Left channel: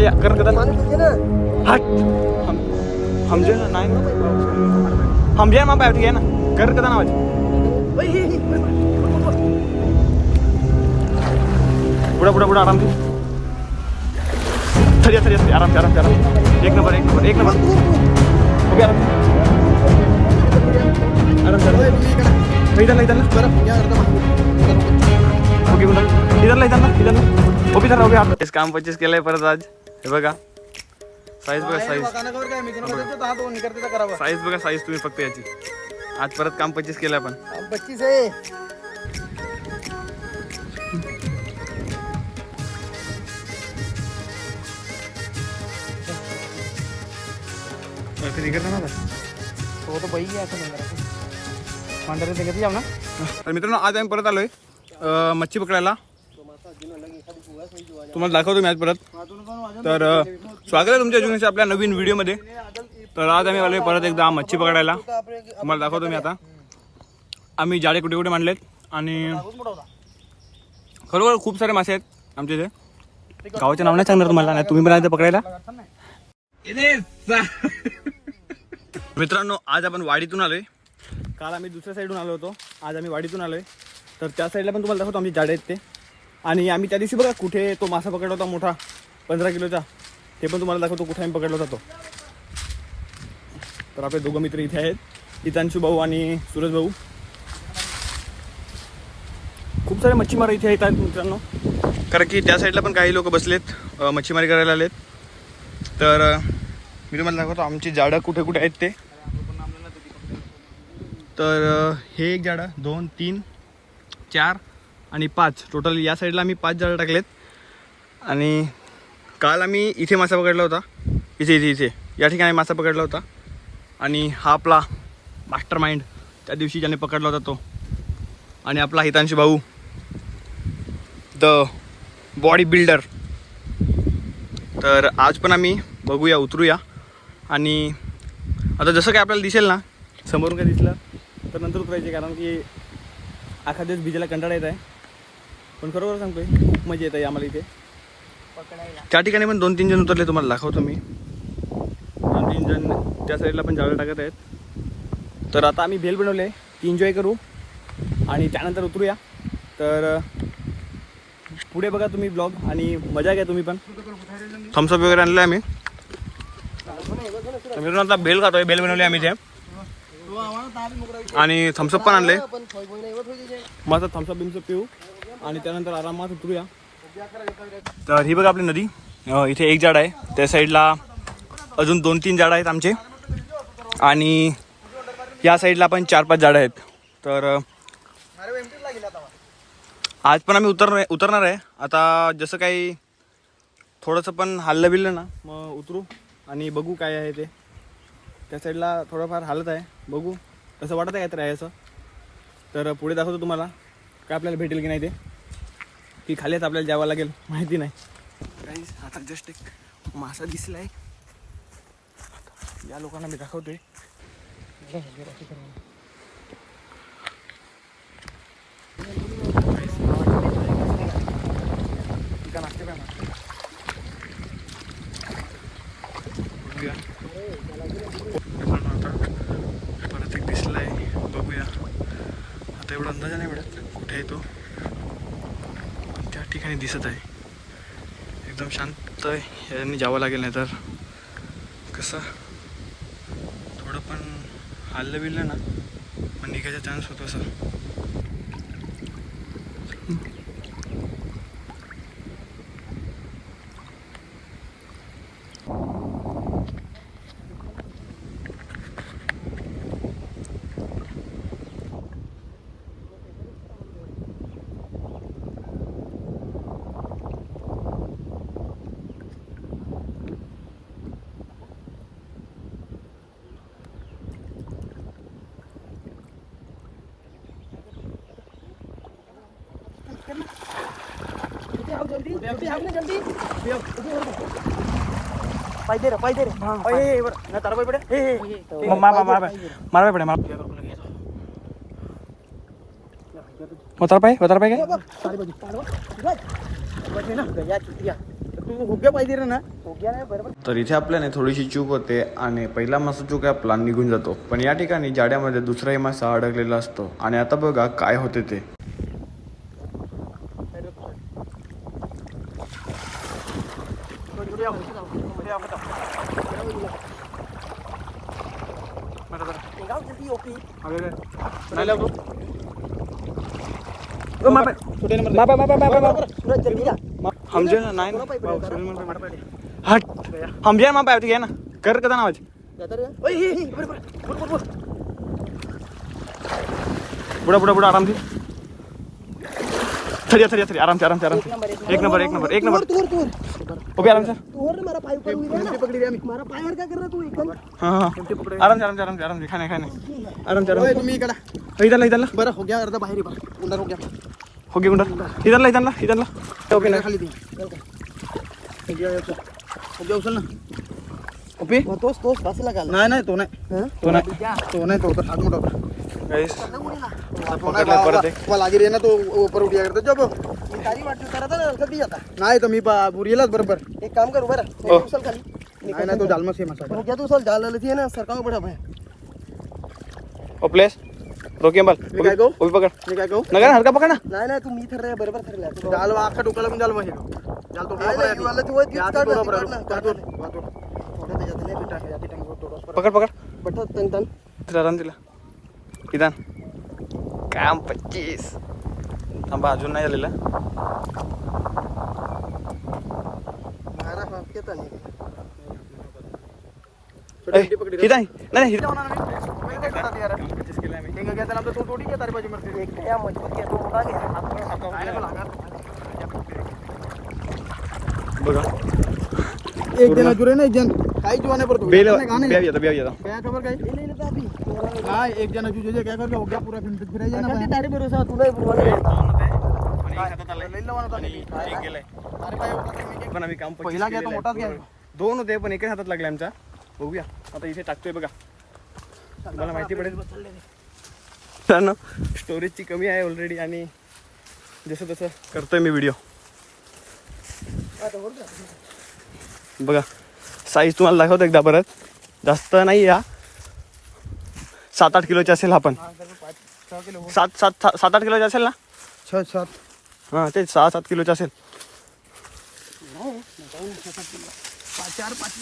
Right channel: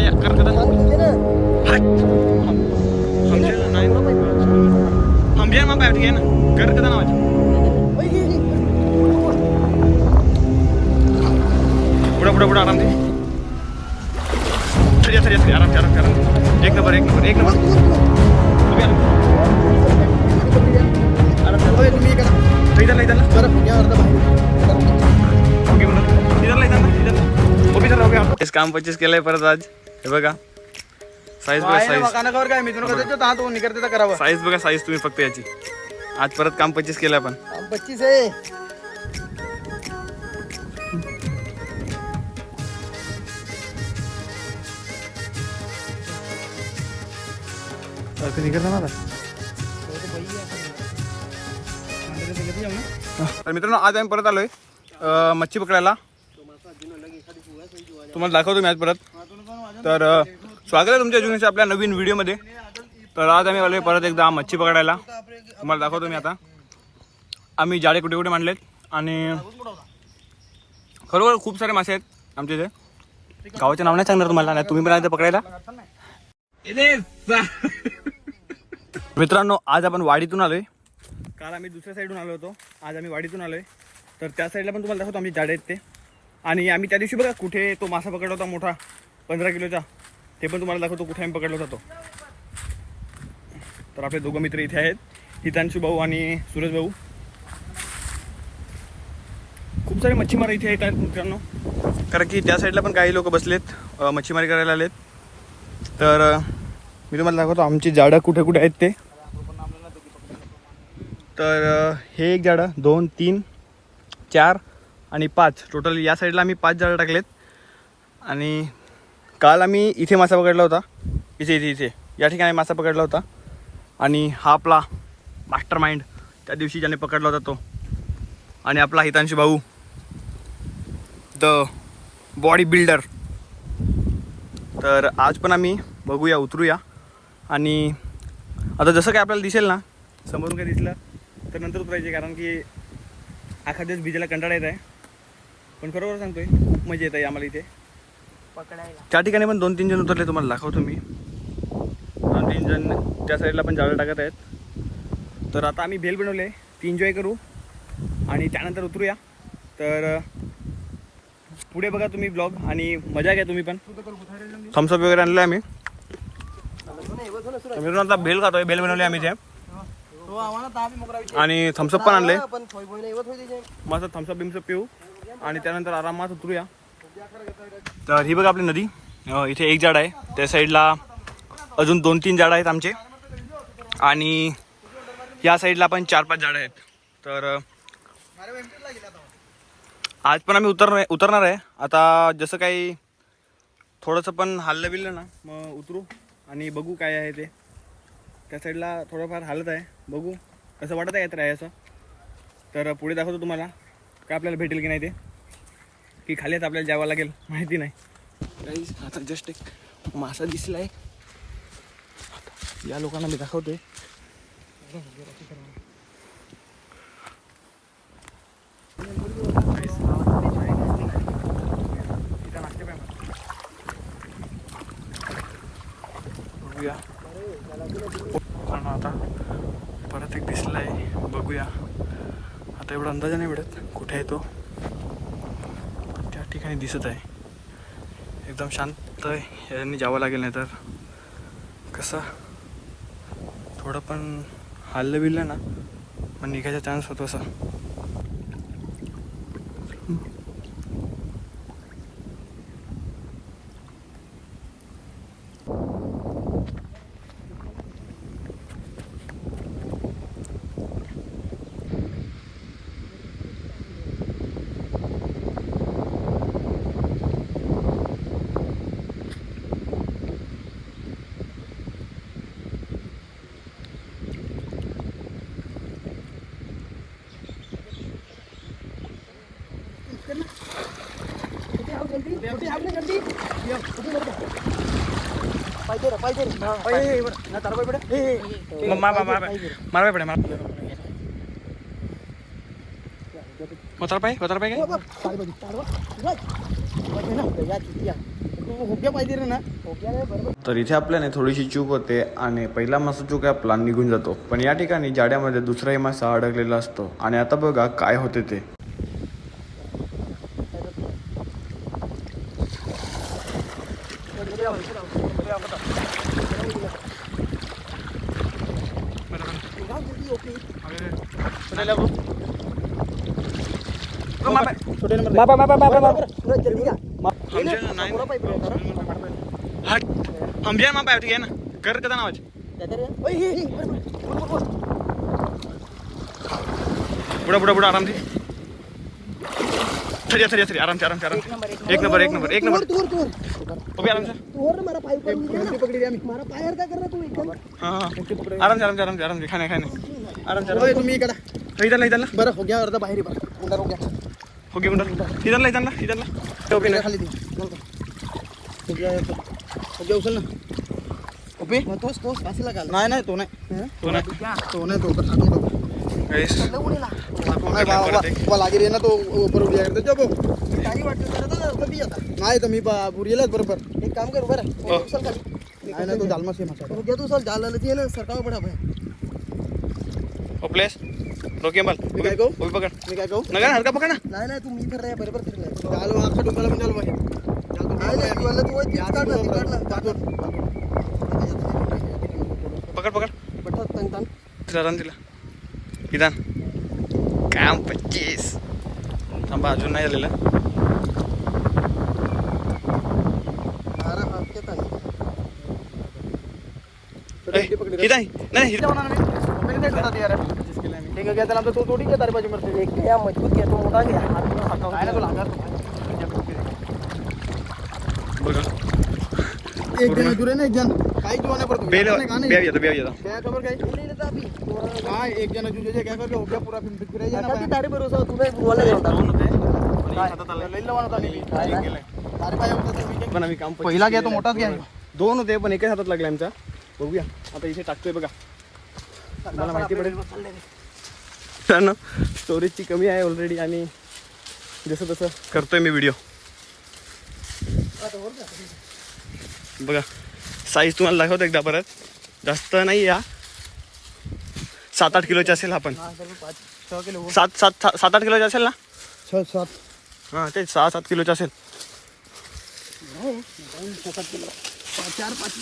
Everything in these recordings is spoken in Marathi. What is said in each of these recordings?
वाटी कर कर हट हम जे नाही हम जे मग बैठ गए ना कर कर ना पुढे पुढे पुढे आराम दे थरिया थरिया थरिया आराम आराम आराम एक नंबर एक नंबर एक नंबर इधर इधर ना बरं इधर इधर उभी तर उभी इस काम 25 केलंय परत आज हे बघा साईज बघा साईज साईज बघा साईज तुम्ही फक्त याची आज परत काम 25 केलं आपण 25 आहे तर मित्रांनो आज आम्ही परत आलोय मच्छी पकडायला तुम्हाला दाखवतो मी आज परत तर स्वागत आहे तुमच्या जुनीच्या आपल्या नवीन व्हिडिओमध्ये तर आज आम्ही आलोय परत एकदा मच्छी पकडायला तुम्हाला दाखवतो मी आता आम्ही जाळे कुठे कुठे मांडलेत आणि खरोखर खूप सारे मासे आहेत आमच्या इथे गावाचे नाव नाही सांगणार तुम्हाला नाही तुम्ही पण आज पकडायला मित्रांनो आज आपण वाडीतून आलोय काल आम्ही दुसऱ्या साईडून आलो होतो आज आम्ही वाडीतून आलोय तर त्या साईडला पण तुम्हाला दाखवतो आमचे जाडे आहेत ते आणि आम्ही त्या दिवशी बघा कुठे तो मासा पकडला होता मोठा 15 किलोचा ते पण तुम्हाला दाखवतो कुठे आम्ही पकडला होता तो तर आपले दोघं मित्र इथे आहेत हितांशू भाऊ आणि सूरज भाऊ खूप सारे मच्छीमार इथे येतात मित्रांनो कारण की त्या साईडला पण काही लोक बसलेत मच्छीमारी करायला आलेत तर मी तुम्हाला दाखवतो आमची जाडं कुठे कुठे आहेत ते तर हे एक जाडं 2 3 4 आणि 5 टोटल या साईडला आम्ही 5 जाळं टाकलेत आणि काल आम्ही इथे मासा पकडला होता इथे इथे इथे या ठिकाणी मासा पकडला होता आणि हा आपला मास्टर माइंड त्या दिवशी ज्याने पकडला होता तो आणि आपला हितांशी भाऊ द बॉडी बिल्डर तर आज पण आम्ही बघूया उतरूया आणि आता जसं काय आपल्याला दिसेल ना समोरून काय दिसलं तर नंतर उतरायचे कारण की आखा दिवस भिजायला कंटाळा येत आहे पण खरोखर सांगतोय खूप मजा येत आहे आम्हाला इथे त्या ठिकाणी पण 2-3 जण उतरले तुम्हाला दाखवतो मी 2-3 जण त्या साईडला पण जाळं टाकत आहेत तर आता आम्ही भेल बनवले ती एन्जॉय करू आणि त्यानंतर उतरूया तर पुढे बघा तुम्ही ब्लॉग आणि मजा घ्या तुम्ही पण थम्सअप वगैरे आणलं आम्ही मित्रांनो आता भेल खातोय भेल बनवले आम्ही ते आणि थम्सअप पण आणले मस्त थम्सअप बिम्सअप पिऊ आणि त्यानंतर आरामात उतरूया तर ही बघा आपली नदी इथे एक झाड आहे त्या साईडला अजून 2-3 झाडं आहेत आमचे आणि या साईडला पण 4-5 झाडं आहेत तर आज पण आम्ही उतरणार आहे आता जसं काही थोडंसं पण हल्लं बिल्लं ना मग उतरू आणि बघू काय आहे ते त्या साईडला थोडंफार हालत आहे बघू कसं वाटत आहे काहीतरी आहे असं तर पुढे दाखवतो तुम्हाला काय आपल्याला भेटेल की नाही ते की खालीच आपल्याला जावं लागेल माहिती नाही काही आता जस्ट एक मासा दिसला आहे या लोकांना मी दाखवते बघूया आता परत एक दिसला आहे बघूया आता एवढा अंदाजा नाही मिळत कुठे आहे तो पण त्या ठिकाणी दिसत आहे एकदम शांत याने जावं लागेल नाही तर कसं थोडं पण हल्लं बिल्लं ना मग निघायचा चान्स होतो असं तू होग्या पाहिजे रे ना, होग्या नाही बरोबर. तर इथे आपल्याने थोडीशी चूक होते आणि पहिला मासा चूक आहे आपला निघून जातो, पण या ठिकाणी जाड्यामध्ये दुसराही मासा अडकलेला असतो. आणि आता बघा काय होते ते. हम जे पाय घे ना कर त्याचा नावाची पुढे पुढे पुढे आरामથી थरी थरी थरी आरामથી आरामથી आरामથી एक नंबर एक नंबर एक नंबर ओके आराम से मारा पाय करून दे, पकडी दे आम्ही. मारा पायावर काय करणार तू एकदम. हां आराम से आराम से आराम से आराम से खाने खाने आराम से ओय तुम्ही इकडे इधरला इधरला बरं होग्या अर्धा बाहेर आहे बरं. गुंडार होग्या हो गया गुंडा इधरला इधरला इधरला ओके ना खाली दे. होग्या होग्या उचल ना. ओपी तोच तोच बसला का? नाही नाही तो नाही तो नाही तो नाही तो तर हात मोठा गाइस तो नाही बाबा लागे रे ना तो ऊपर उडी करतो जब मी ताली वाटतो करत ना कधी जाता नाही तर मी बुरीलाच बरोबर एक काम कर बरं उचल खाली. नाही ना तो जालमा से मचा होग्या तू उचल जाल लती है ना सरकार बडा भाई ओ प्लेस रोकिए बल मी काय कहू उभी पकड़ मी काय कहू नका हलका पकड़ ना नाही नाही तू मी तर रे बरोबर ठरला जाल आखा डोकाला पण जाल बाहेर जाल तो नाही वाला तू वच काढ पकड़ पकड़ बट तन तन रन दिला विधान काम 25 थांबा अजून नाही झालेला अरे हात के तन इधर नाही ठीक है क्या चला तो थोड़ी के तारे बाजू में एक क्या मजबूत किया तो मोटा गया हाथ बघा एक जन जुरे ना एक जन काही जुवाने पर बेल बिया जाता क्या खबर काय ले लेता अभी काय एक जन जुजे क्या कर हो गया पूरा फिराई जाना काय दाढी भरोसा तुम्ही बुरवाला गेला आणि एक हातात आलाय आणि एक गेलाय अरे काय होतं पण आम्ही काम पहिला घ्या तो मोठाच घ्या दोन होते पण एकच हातात लागले आमचा बघूया आता इथे टाकतोय बघा मला माहिती पडेल मित्रांनो स्टोरेजची कमी आहे ऑलरेडी आणि जसं तसं करतोय मी व्हिडिओ बघा साईज तुम्हाला दाखवतो एकदा परत जास्त नाही या 7-8 किलोची असेल हा पण 7-8 किलोची असेल ना 6-7 हां ते 6-7 किलोची असेल 4-5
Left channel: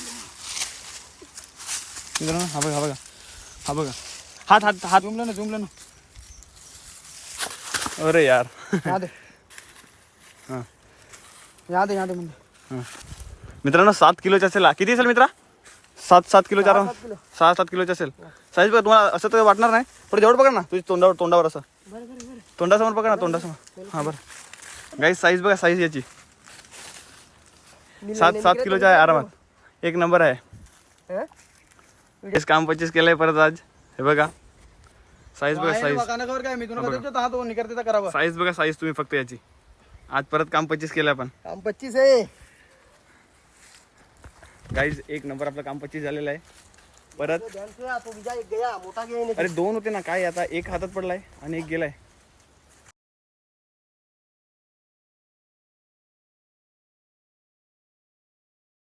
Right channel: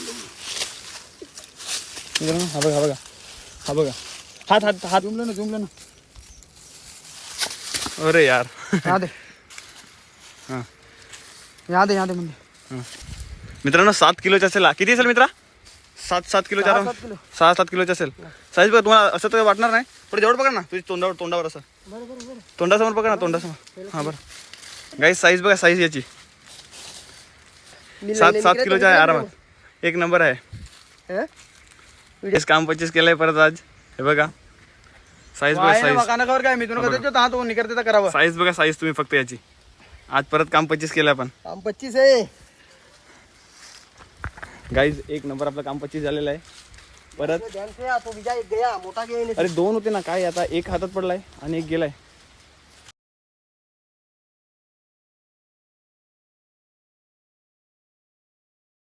हा बघा हा बघा हा बघा हात हात हात जुमलं ना अरे यार यहाँ दे हां यहाँ दे म्हणजे हां मित्रांनो 7 किलोची असेल हा. किती असेल मित्रा 7 किलोच्या 6-7 किलोची असेल साईज बघा तुम्हाला असं तर वाटणार नाही पण जेवढं पकड ना तुझी तोंडावर असं तोंडासमोर पकड ना तोंडासमोर हां बरं गाईस साईज बघा साईज याची 7 किलोच्या आहे आरामात एक नंबर आहे इस काम 25 केलंय परत आज हे बघा साईज बघा साईज साईज बघा साईज तुम्ही फक्त याची आज परत काम 25 केलंय आपण काम 25 आहे गाईज एक नंबर आपलं काम 25 झालेलं आहे परत ध्यान से तो बीजा एक गया मोटा गया अरे दोन होते ना काय आता एक हातात पडलाय आणि एक गेलाय